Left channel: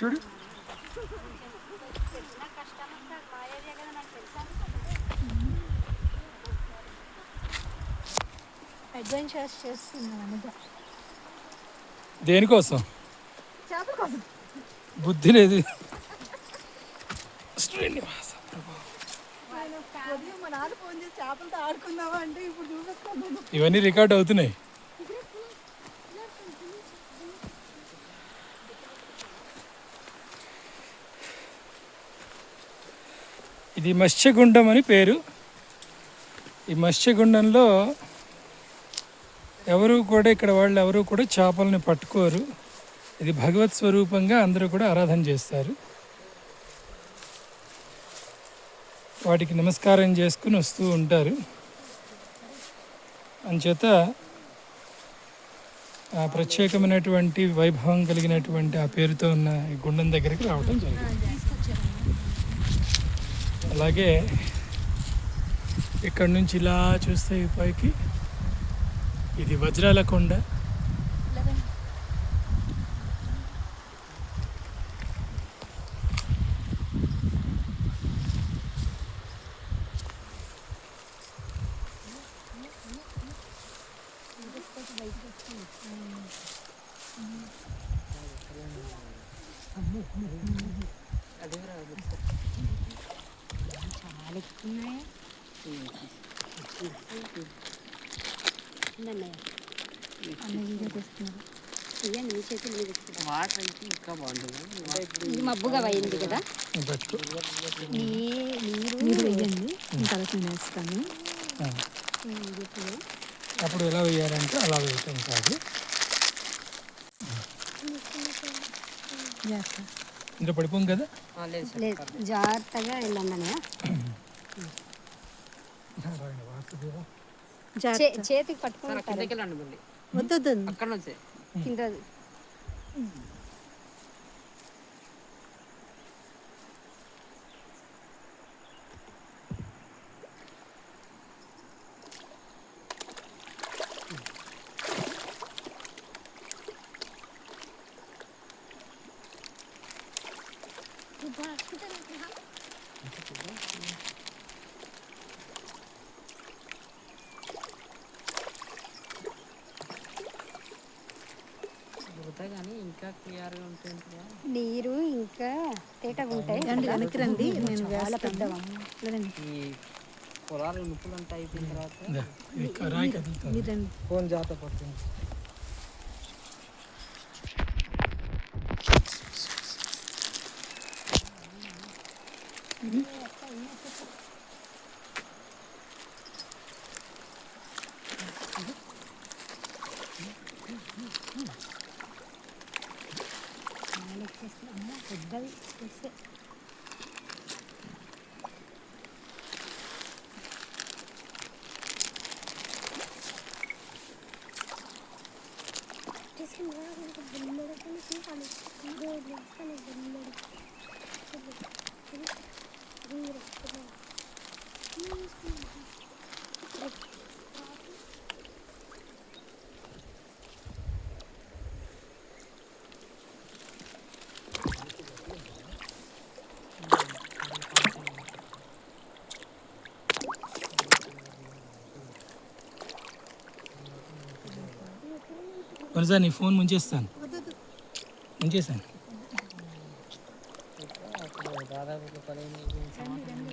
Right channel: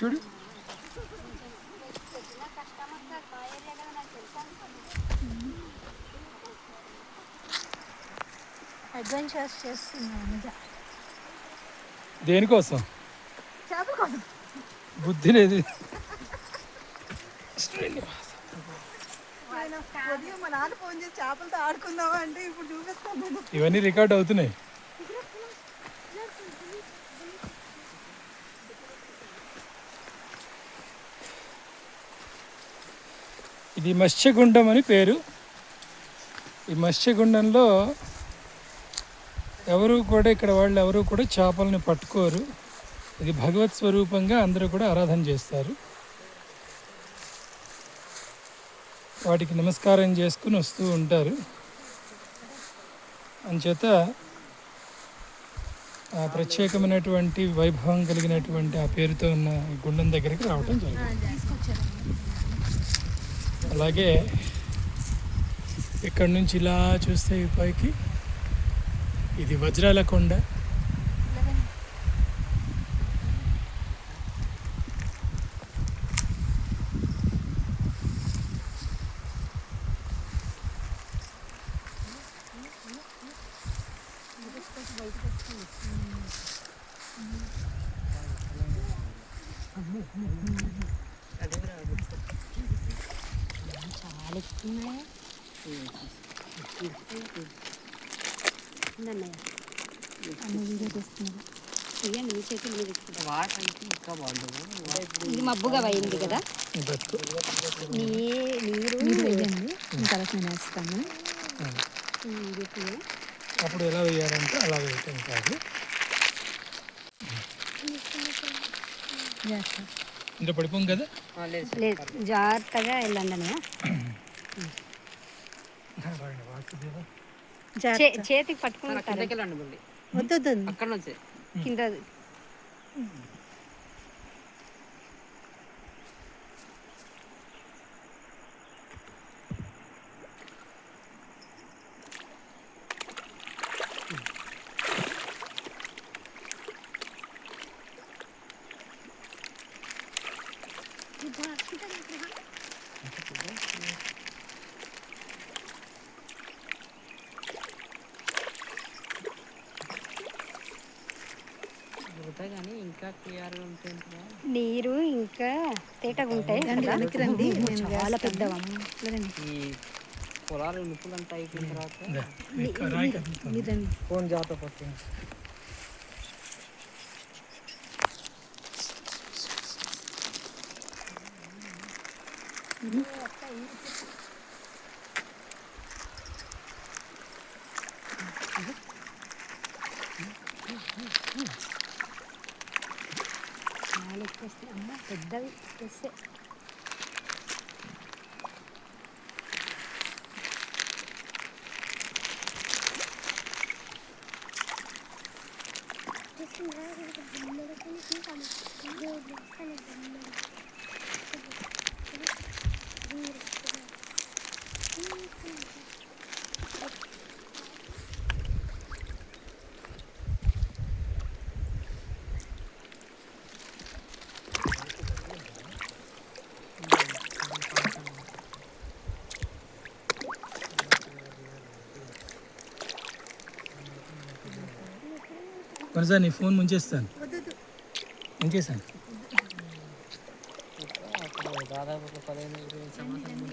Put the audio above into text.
చూడు అడ్వెంచర్స్ చేస్తున్నాను. దేనికోసం? చేపల కోసం. బుద్ధి లేదు. మా నాన్న ఫోన్ చేసి చేపలతో ఆడుకుందామా అంటే ఇప్పుడు చూపిస్తాను. ఇవన్నీ రికార్డ్ అవుతున్నాయి. ఇది మత్స్యగుండం అని పేరు. ఈ మత్స్యగుండంలో ఎవరు కూడా ఇక్కడ వాళ్ళు ఎవరు కూడా చేపలని పట్టుకోరు. ఇది భగవత్ స్వరూపంగా అందరూ కూడా ఆరాధన చేస్తారు. వాటికి నమస్కారం చేసుకుని వస్తూ ఉంటారు. అంచేత ఆ ప్రత్యేకమైనటువంటి వైభవం కలిగినటువంటి ఆ పేరుతో ఉన్న ఈ గుండం దగ్గరికి రావటం జరిగింది. అలాగే ఇక్కడ నుంచి ఇలా చూస్తే ఈ పైకి ఇది వజ్రాల కొండ. ఇది మబ్బుగా అయింది కదా, మీరు వేయండి, తర్వాత నేను వేస్తాను. అప్పుడు ఎలా వేయాలంటే అలా వేయటం కాదు. ఇంకా పడిపోం కదా. లేదు, జాగ్రత్తగా వెళ్ళండి. చేతికి పట్టుకుని వద్దు కింద నీరు ఇంకా తేటగా ఉంటాయి. వెనక్కి రండి, నేను చాలా పెద్ద పొలాలు ముప్పులంతా అయిపోయిన తర్వాత ఫోన్ జాగ్రత్త పడుతుంది. పెద్దవి వస్తే కొనసారి నీ ఫోన్ ముంచేస్తాను. ముంచేసాను. దాదాపు 15 సంవత్సరాల